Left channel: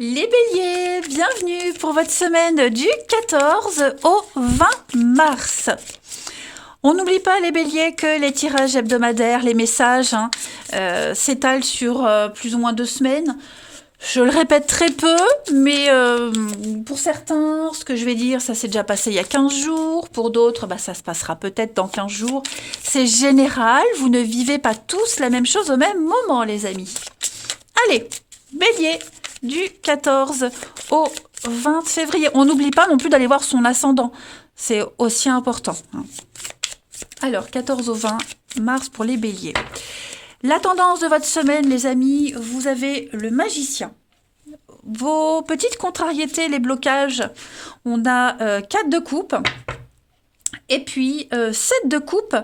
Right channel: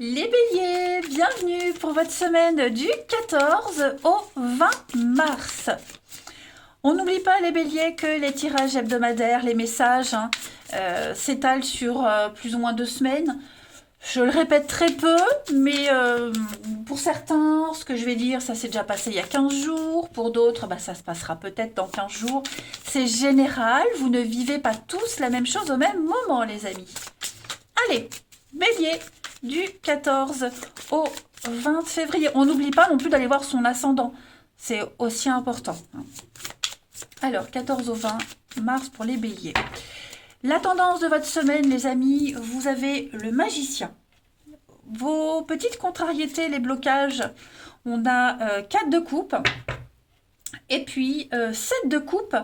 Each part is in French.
Les béliers, bienvenue pour votre semaine du 14 au 20 mars. On n'oublie pas les béliers que les tirages hebdomadaires, les messages s'étalent sur plus ou moins 2 semaines. Je le répète très peu, mais pour certains, ce que je vais dire, ça s'est déjà passé il y a 15 jours. Pour d'autres, ça se passera peut-être dans 15 jours. C'est général, vous ne vivez pas tous la même chose au même moment, les amis. Allez, bélier, du 14 au 20 février. On n'oublie pas non plus d'aller voir son ascendant. C'est aussi important. Alors, 14 au 20 mars pour les béliers. La tendance de votre semaine, les amis, vous avez le magicien. Vos petites contrariétés, les blocages, on a 4 de coupe et puis 7 de coupe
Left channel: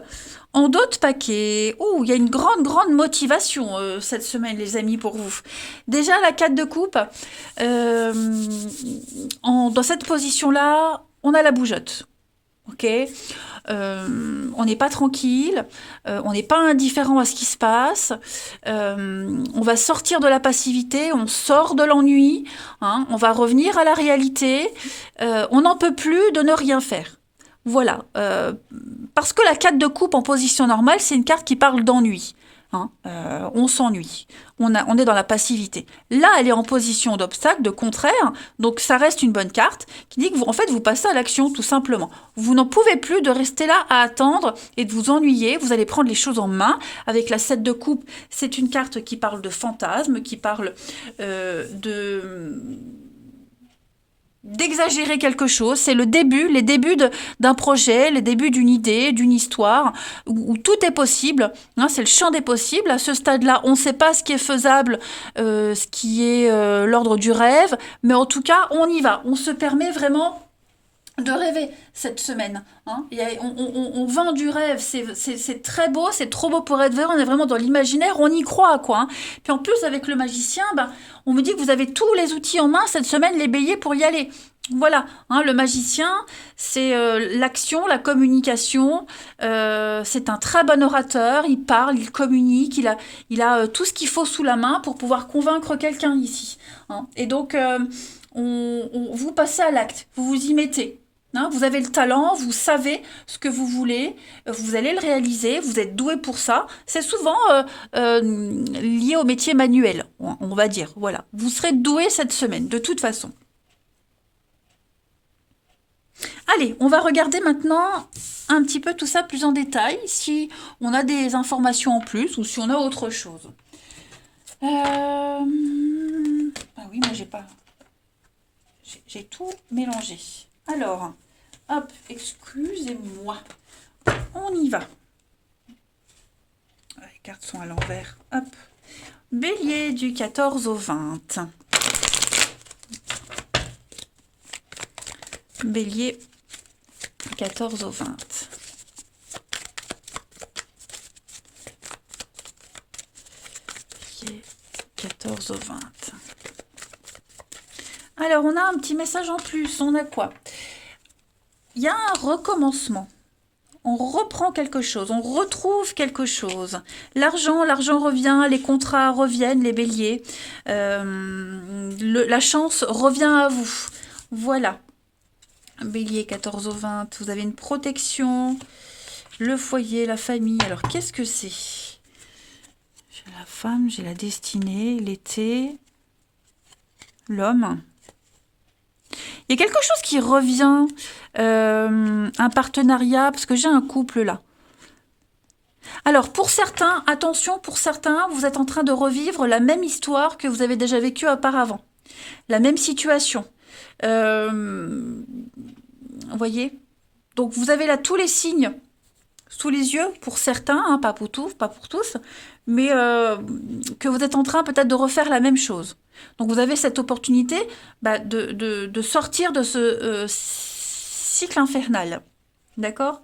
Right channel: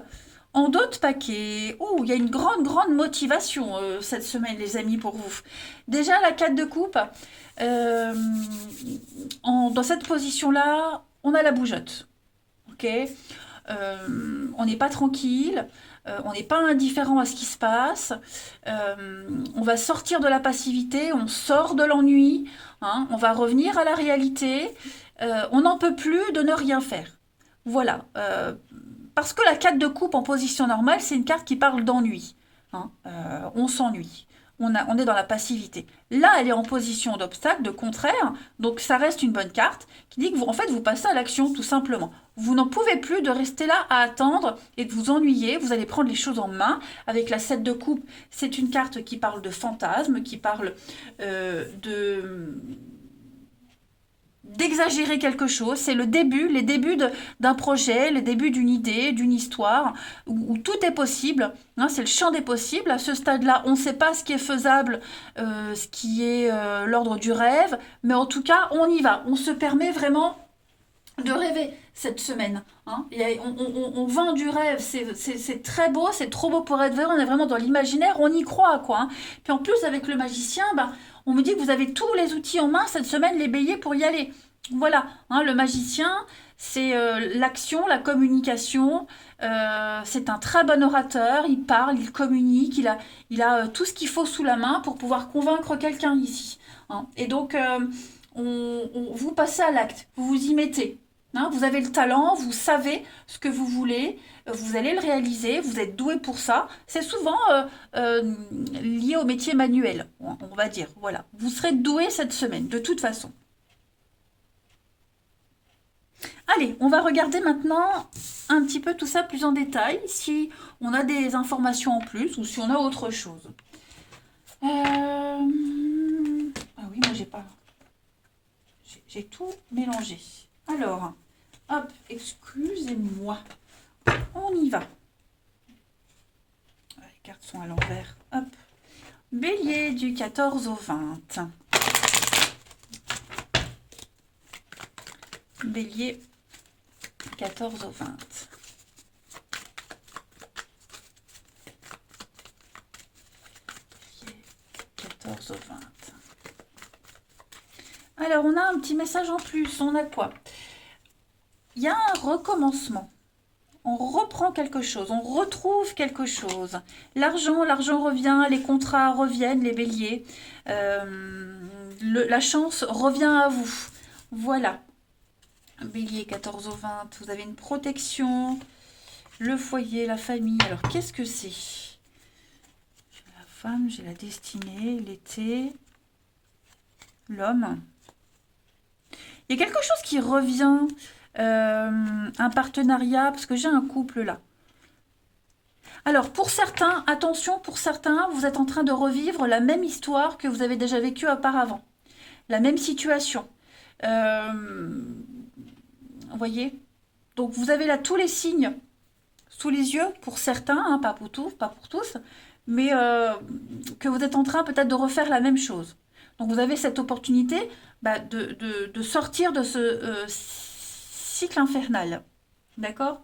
en d'autres paquets. Ouh, il y a une grande motivation cette semaine, les amis, pour vous. Déjà, la 4 de coupe, dans cette position-là, on a la bougeotte. Ok, on n'est pas tranquille, on n'est pas indifférent à ce qui se passe, on va sortir de la passivité, on sort de l'ennui, on va revenir à la réalité, on n'en peut plus de ne rien faire. Voilà, parce que la 4 de coupe en position normale, c'est une carte qui parle d'ennui. On s'ennuie, on est dans la passivité. Là, elle est en position d'obstacle, de contraire, donc ça reste une bonne carte qui dit que vous, en fait, vous passez à l'action tout simplement. Vous n'en pouvez plus de rester là à attendre et de vous ennuyer, vous allez prendre les choses en main. Avec la 7 de coupe, c'est une carte qui parle de fantasme, qui parle d'exagérer quelque chose, c'est les débuts d'un projet, les débuts d'une idée, d'une histoire, où tout est possible, c'est le champ des possibles. À ce stade-là, on ne sait pas ce qui est faisable, ce qui est l'ordre du rêve, mais en tout cas, on y va, on se permet vraiment de rêver cette semaine. On vend du rêve, c'est très beau, c'est trop beau pour être vrai, on est vraiment dans l'imaginaire, on y croit, quoi. Puis en plus, avec le magicien, on me dit que vous avez tous les outils en main cette semaine, les béliers, pour y aller. Voilà, le magicien, c'est l'action, la communication, c'est un très bon orateur, il parle, il communique, il a tout ce qu'il faut sous la main pour pouvoir convaincre quelqu'un ici. Et donc, vous passez à l'acte, vous vous y mettez. Vous avez le talent, vous savez ce que vous voulez, vous allez le réaliser, vous êtes doué pour ça. C'est souvent lié au métier manuel, on va dire. Voilà, vous serez doué cette semaine, de toute façon. Allez, on va regarder maintenant un petit peu tout ça plus en détail, si on a des informations en plus ou si on a autre chose. Ah oui, moi j'ai pas... J'ai tout mélangé. Alors, hop, excusez-moi. On y va. Les cartes sont à l'envers. Hop. Bélier du 14 au 20. Bélier 14 au 20. Bélier 14 au 20. Alors, on a un petit message en plus. On a quoi? Il y a un recommencement. On reprend quelque chose, on retrouve quelque chose. L'argent revient, les contrats reviennent, les béliers. La chance revient à vous. Voilà. Bélier 14 au 20, vous avez une protection, le foyer, la famille. Alors, qu'est-ce que c'est? J'ai la femme, j'ai la destinée, l'été, l'homme. Il y a quelque chose qui revient, un partenariat, parce que j'ai un couple là. Alors, pour certains, attention, pour certains, vous êtes en train de revivre la même histoire que vous avez déjà vécue auparavant. La même situation. Vous voyez? Donc, vous avez là tous les signes sous les yeux, pour certains, pas pour tous, mais que vous êtes en train peut-être de refaire la même chose. Donc vous avez cette opportunité de sortir de ce cycle infernal. D'accord?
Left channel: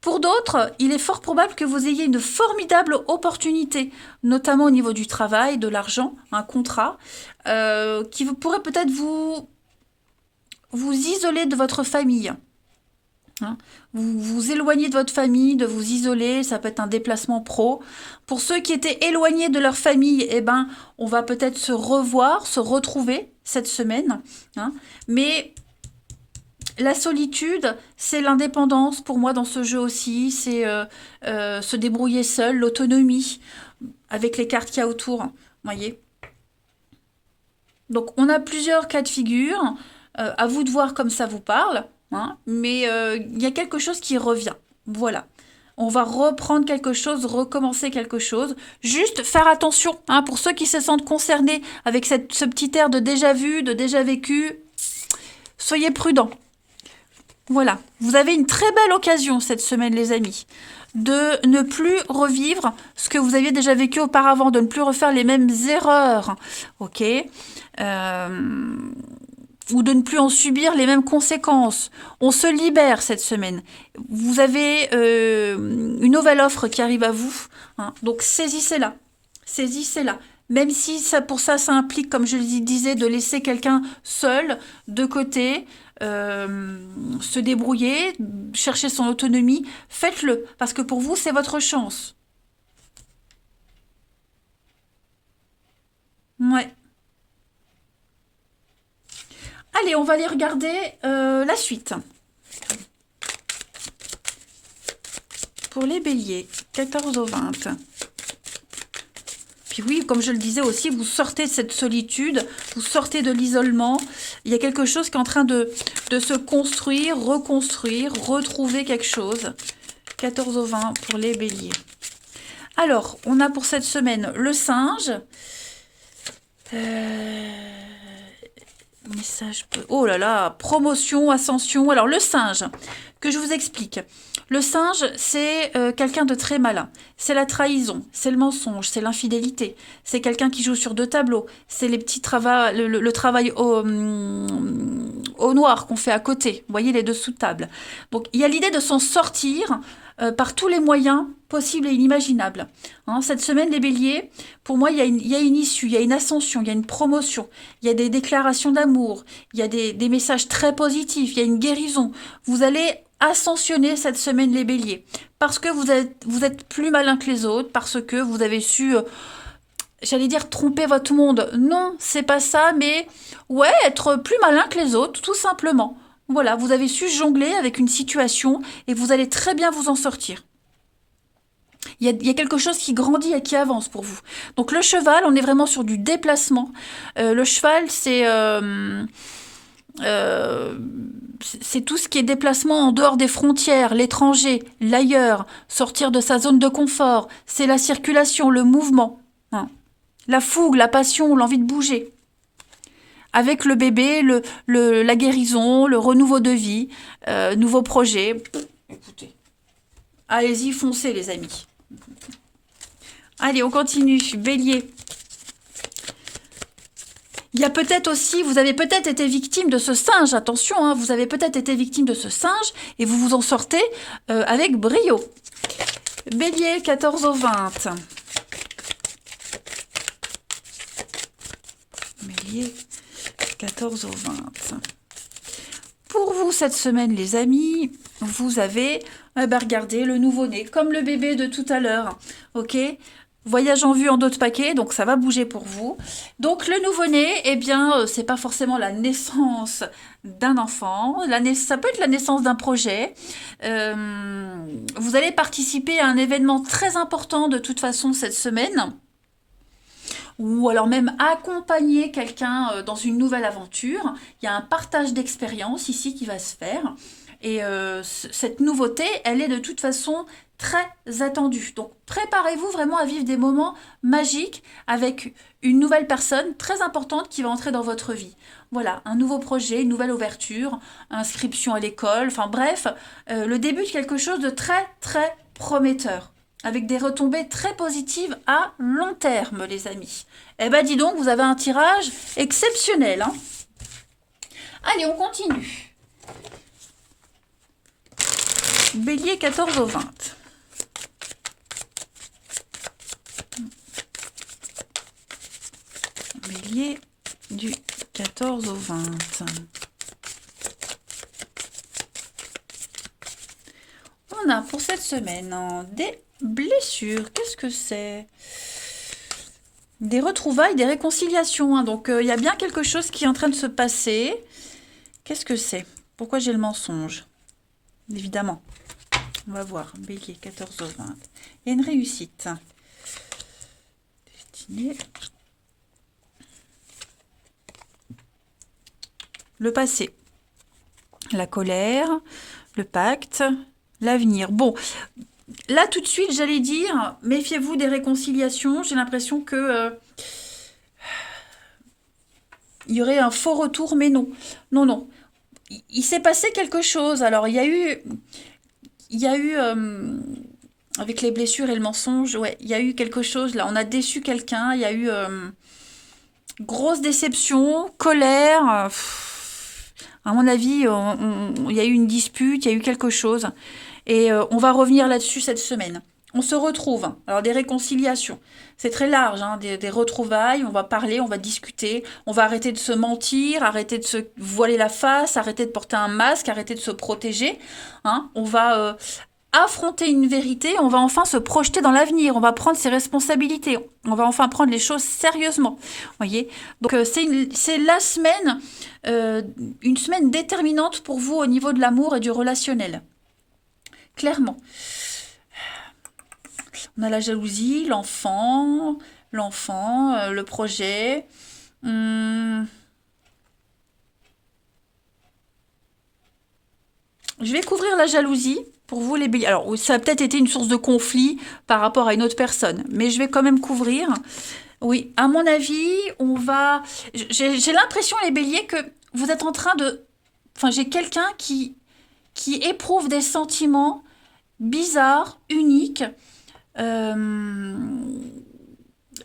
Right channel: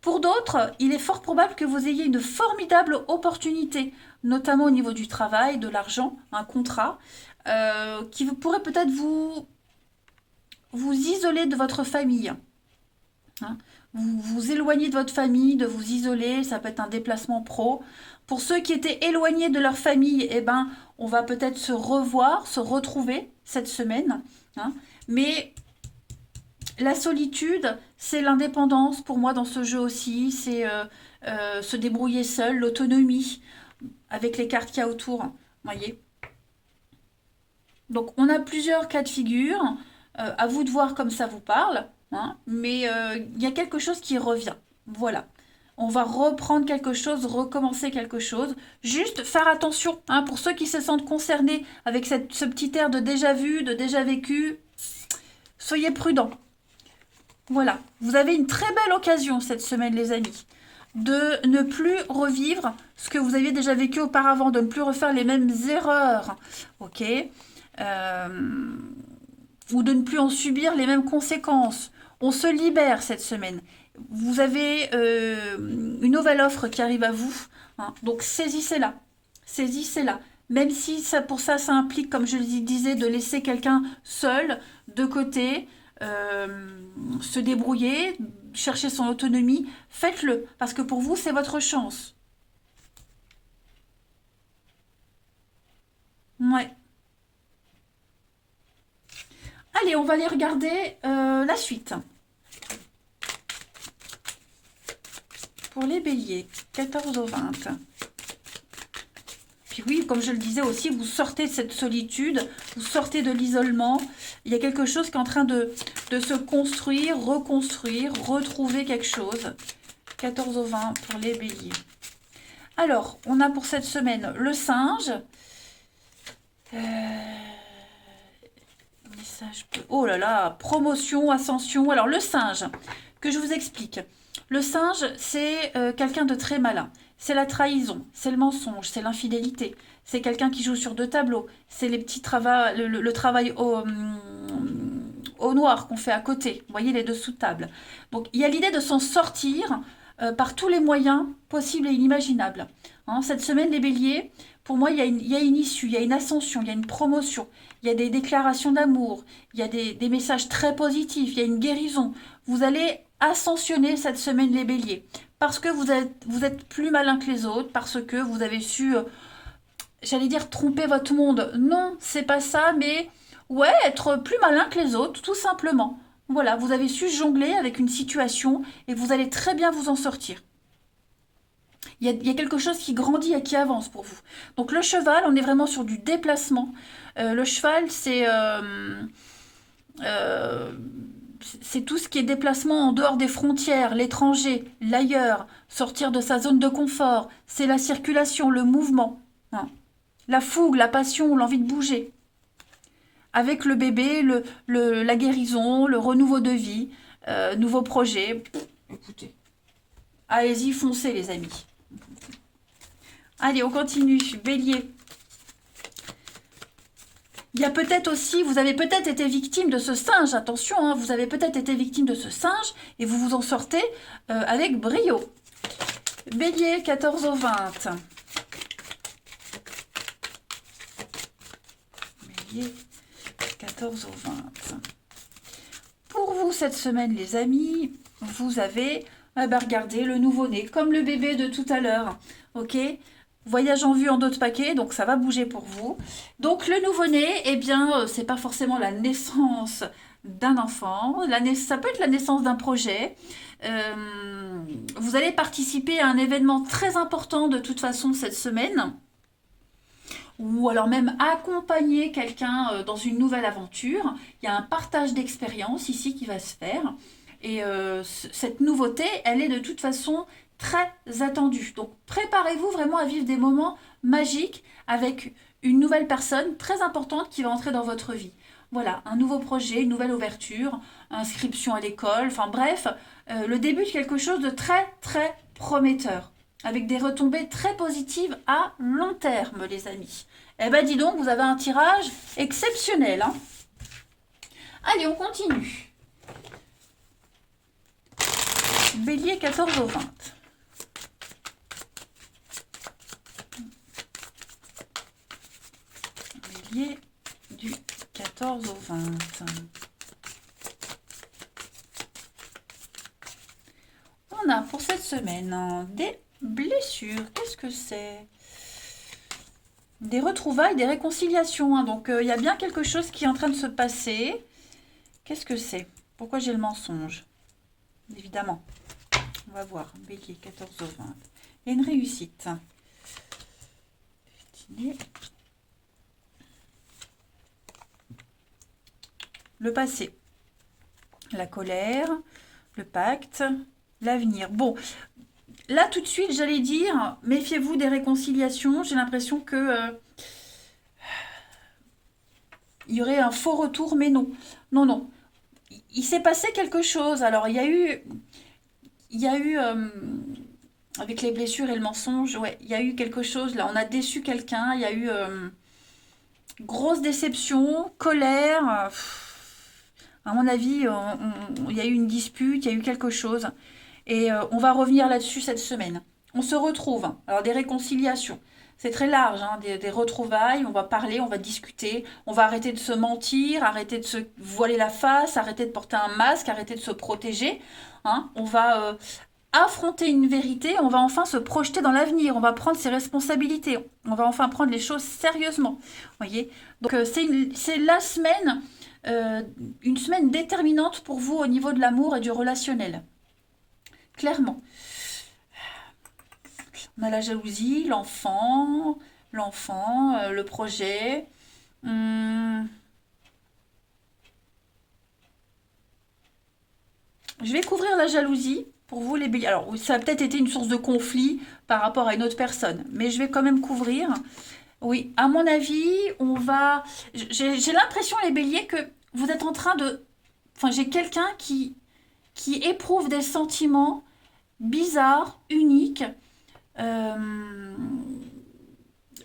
Pour d'autres, il est fort probable que vous ayez une formidable opportunité, notamment au niveau du travail, de l'argent, un contrat, qui pourrait peut-être vous isoler de votre famille. hein. Vous vous éloignez de votre famille, de vous isoler, ça peut être un déplacement pro. Pour ceux qui étaient éloignés de leur famille, eh ben, on va peut-être se revoir, se retrouver cette semaine, hein. Mais la solitude, c'est l'indépendance pour moi dans ce jeu aussi, c'est se débrouiller seul, l'autonomie, avec les cartes qu'il y a autour, voyez. Donc on a plusieurs cas de figure, à vous de voir comme ça vous parle, hein, mais il y a quelque chose qui revient. Voilà. On va reprendre quelque chose, recommencer quelque chose. Juste faire attention, hein, pour ceux qui se sentent concernés avec ce petit air de déjà vu, de déjà vécu, soyez prudents. Voilà. Vous avez une très belle occasion cette semaine, les amis, de ne plus revivre ce que vous aviez déjà vécu auparavant, de ne plus refaire les mêmes erreurs. Ok, ou de ne plus en subir les mêmes conséquences. On se libère cette semaine. Vous avez une nouvelle offre qui arrive à vous, hein, donc saisissez-la. Saisissez-la. Même si ça, pour ça, ça implique, comme je le disais, de laisser quelqu'un seul, de côté, se débrouiller, chercher son autonomie, faites-le, parce que pour vous, c'est votre chance. Ouais. Allez, on va aller regarder la suite. Pour les béliers, 14 au 20. Puis oui, comme je le disais aussi, vous sortez de cette solitude, vous sortez de l'isolement. Il y a quelque chose qui est en train de se construire, reconstruire, retrouver quelque chose. 14 au 20 pour les béliers. Alors, on a pour cette semaine le singe. Message. Oh là là, promotion, ascension. Alors, le singe, que je vous explique. Le singe, c'est quelqu'un de très malin. C'est la trahison, c'est le mensonge, c'est l'infidélité. C'est quelqu'un qui joue sur deux tableaux. C'est les petits le travail au noir qu'on fait à côté. Vous voyez, les dessous de table. Donc, il y a l'idée de s'en sortir par tous les moyens possibles et inimaginables. Hein, cette semaine, les béliers, pour moi, il y a une issue, il y a une ascension, il y a une promotion, il y a des déclarations d'amour, il y a des messages très positifs, il y a une guérison. Vous allez ascensionner cette semaine, les béliers, parce que vous êtes plus malin que les autres, parce que vous avez su, j'allais dire, tromper votre monde. Non, c'est pas ça, mais ouais, être plus malin que les autres, tout simplement. Voilà, vous avez su jongler avec une situation et vous allez très bien vous en sortir. Il y a quelque chose qui grandit et qui avance pour vous. Donc le cheval, on est vraiment sur du déplacement. Le cheval, c'est tout ce qui est déplacement en dehors des frontières, l'étranger, l'ailleurs, sortir de sa zone de confort. C'est la circulation, le mouvement, hein. La fougue, la passion, l'envie de bouger. Avec le bébé, la guérison, le renouveau de vie, nouveaux projets. Écoutez, allez-y, foncez les amis. Allez, on continue. Bélier. Il y a peut-être aussi, vous avez peut-être été victime de ce singe, attention, hein, vous avez peut-être été victime de ce singe et vous vous en sortez avec brio. Bélier, 14 au 20. Bélier, 14 au 20. Pour vous, cette semaine, les amis, vous avez, regardez, le nouveau-né, comme le bébé de tout à l'heure, ok ? Voyage en vue en d'autres paquets, donc ça va bouger pour vous. Donc le nouveau-né, eh bien, c'est pas forcément la naissance d'un enfant, ça peut être la naissance d'un projet. Vous allez participer à un événement très important de toute façon cette semaine, ou alors même accompagner quelqu'un dans une nouvelle aventure. Il y a un partage d'expérience ici qui va se faire. Et cette nouveauté, elle est de toute façon très attendue. Donc préparez-vous vraiment à vivre des moments magiques avec une nouvelle personne très importante qui va entrer dans votre vie. Voilà, un nouveau projet, une nouvelle ouverture, inscription à l'école, enfin bref, le début de quelque chose de très très prometteur, avec des retombées très positives à long terme, les amis. Eh ben dis donc, vous avez un tirage exceptionnel, hein. Allez, on continue. Bélier, 14 au 20. Bélier du 14 au 20. semaine, hein, des blessures. Qu'est-ce que c'est? Des retrouvailles, des réconciliations, hein. Donc, il y a bien quelque chose qui est en train de se passer. Qu'est-ce que c'est? Pourquoi j'ai le mensonge? Évidemment. On va voir. Bélier, 14 au 20. Il y a une réussite. Destinée. Le passé. La colère. Le pacte. L'avenir. Bon, là tout de suite, j'allais dire, méfiez-vous des réconciliations. J'ai l'impression que il y aurait un faux retour, mais non. Non, non. Il s'est passé quelque chose. Alors, il y a eu avec les blessures et le mensonge, ouais, il y a eu quelque chose là. On a déçu quelqu'un. Il y a eu grosse déception, colère. À mon avis, il y a eu une dispute, il y a eu quelque chose. Et on va revenir là-dessus cette semaine. On se retrouve. Alors, des réconciliations. C'est très large, hein, des retrouvailles. On va parler, on va discuter. On va arrêter de se mentir, arrêter de se voiler la face, arrêter de porter un masque, arrêter de se protéger. Hein. On va affronter une vérité. On va enfin se projeter dans l'avenir. On va prendre ses responsabilités. On va enfin prendre les choses sérieusement. Voyez. Donc, c'est la semaine, une semaine déterminante pour vous au niveau de l'amour et du relationnel. Clairement. On a la jalousie, l'enfant, le projet. Je vais couvrir la jalousie pour vous les béliers. Alors, ça a peut-être été une source de conflit par rapport à une autre personne, mais je vais quand même couvrir. Oui, à mon avis, on va... J'ai l'impression, les béliers, que vous êtes en train de... Enfin, j'ai quelqu'un qui éprouve des sentiments bizarres, uniques.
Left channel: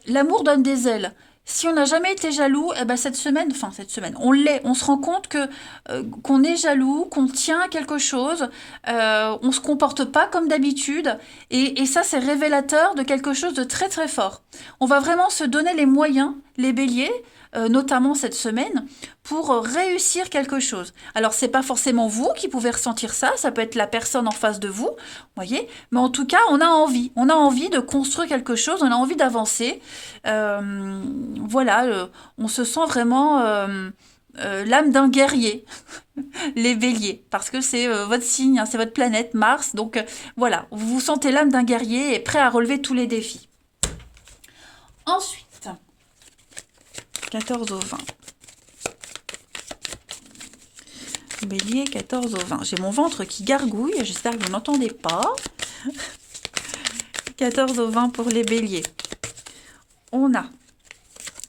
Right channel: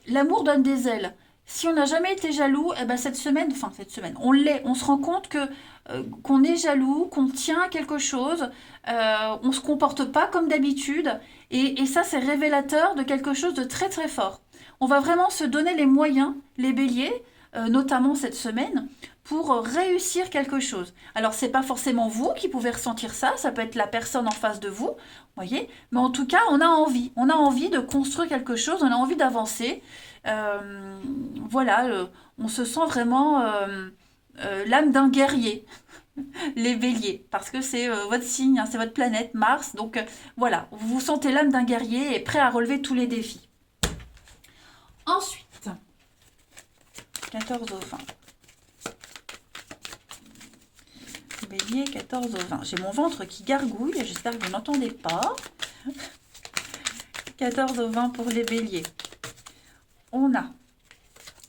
L'amour donne des ailes. Si on n'a jamais été jaloux, eh ben cette semaine, on l'est. On se rend compte qu'on est jaloux, qu'on tient à quelque chose, on se comporte pas comme d'habitude, et ça c'est révélateur de quelque chose de très très fort. On va vraiment se donner les moyens, les béliers, notamment cette semaine, pour réussir quelque chose. Alors, c'est pas forcément vous qui pouvez ressentir ça, ça peut être la personne en face de vous, voyez, mais en tout cas, on a envie de construire quelque chose, on a envie d'avancer. Voilà, on se sent vraiment l'âme d'un guerrier, les béliers, parce que c'est votre signe, hein, c'est votre planète, Mars, donc voilà, vous vous sentez l'âme d'un guerrier et prêt à relever tous les défis. Ensuite, 14 au 20. Bélier, 14 au 20. J'ai mon ventre qui gargouille, j'espère que vous n'entendez pas. 14 au 20 pour les béliers. On a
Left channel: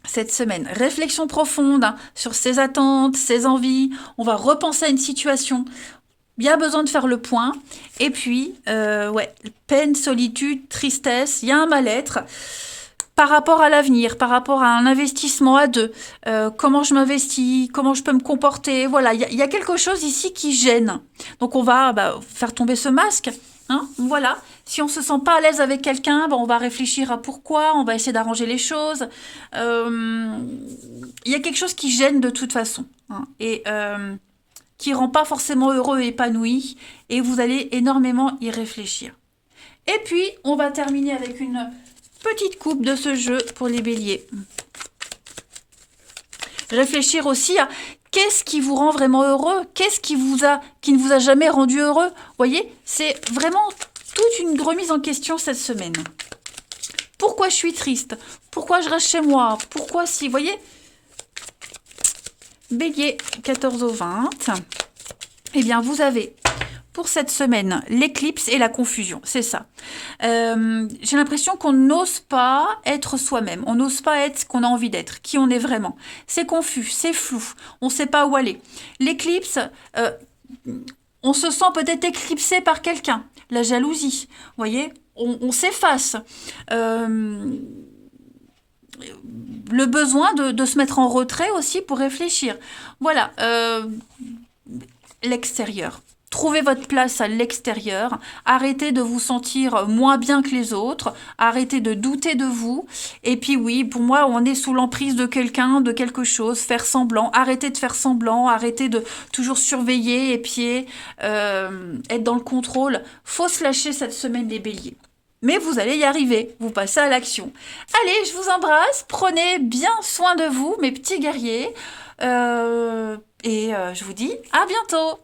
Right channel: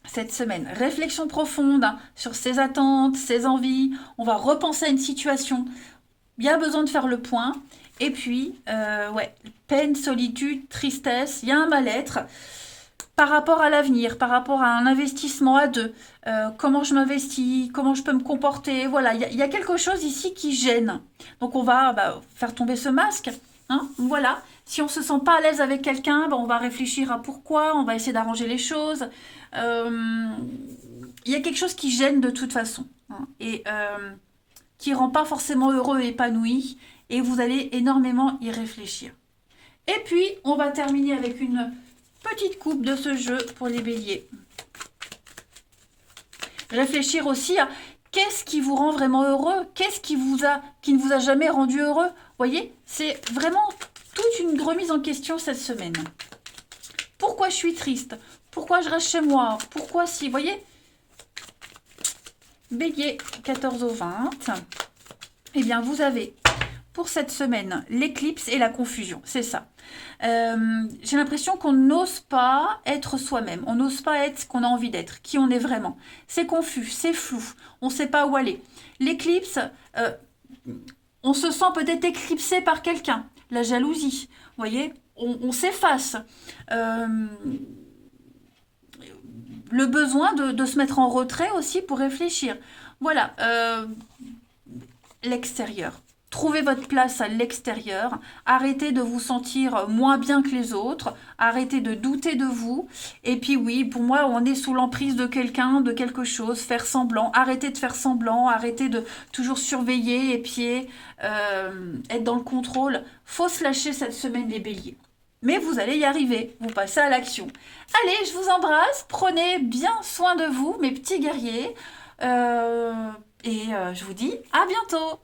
cette semaine réflexion profonde, hein, sur ses attentes, ses envies. On va repenser à une situation. Il y a besoin de faire le point. Et puis, ouais, peine, solitude, tristesse, il y a un mal-être. Par rapport à l'avenir, par rapport à un investissement à deux, comment je m'investis, comment je peux me comporter, voilà, il y a quelque chose ici qui gêne. Donc on va faire tomber ce masque, hein, voilà. Si on ne se sent pas à l'aise avec quelqu'un, on va réfléchir à pourquoi, on va essayer d'arranger les choses. Il y a quelque chose qui gêne de toute façon, hein, et qui ne rend pas forcément heureux et épanoui, et vous allez énormément y réfléchir. Et puis, on va terminer avec une petite coupe de ce jeu pour les béliers. Réfléchir aussi à qu'est-ce qui vous rend vraiment heureux, qu'est-ce qui ne vous a jamais rendu heureux. Vous voyez, c'est vraiment toute une remise en question cette semaine. Pourquoi je suis triste? Pourquoi je reste chez moi? Pourquoi si? Vous voyez, bélier, 14 au 20. Eh bien, vous avez pour cette semaine l'éclipse et la confusion, c'est ça. J'ai l'impression qu'on n'ose pas être soi-même, on n'ose pas être ce qu'on a envie d'être, qui on est vraiment. C'est confus, c'est flou, on ne sait pas où aller. L'éclipse, on se sent peut-être éclipsé par quelqu'un, la jalousie, vous voyez, on s'efface. Le besoin de se mettre en retrait aussi pour réfléchir. Voilà, l'extérieur. Trouvez votre place à l'extérieur, arrêtez de vous sentir moins bien que les autres, arrêtez de douter de vous. Et puis oui, pour moi, on est sous l'emprise de quelqu'un, de quelque chose, faire semblant, arrêtez de faire semblant, arrêtez de toujours surveiller, épier, être dans le contrôle. Faut se lâcher cette semaine des béliers. Mais vous allez y arriver, vous passez à l'action. Allez, je vous embrasse, prenez bien soin de vous, mes petits guerriers. Je vous dis à bientôt.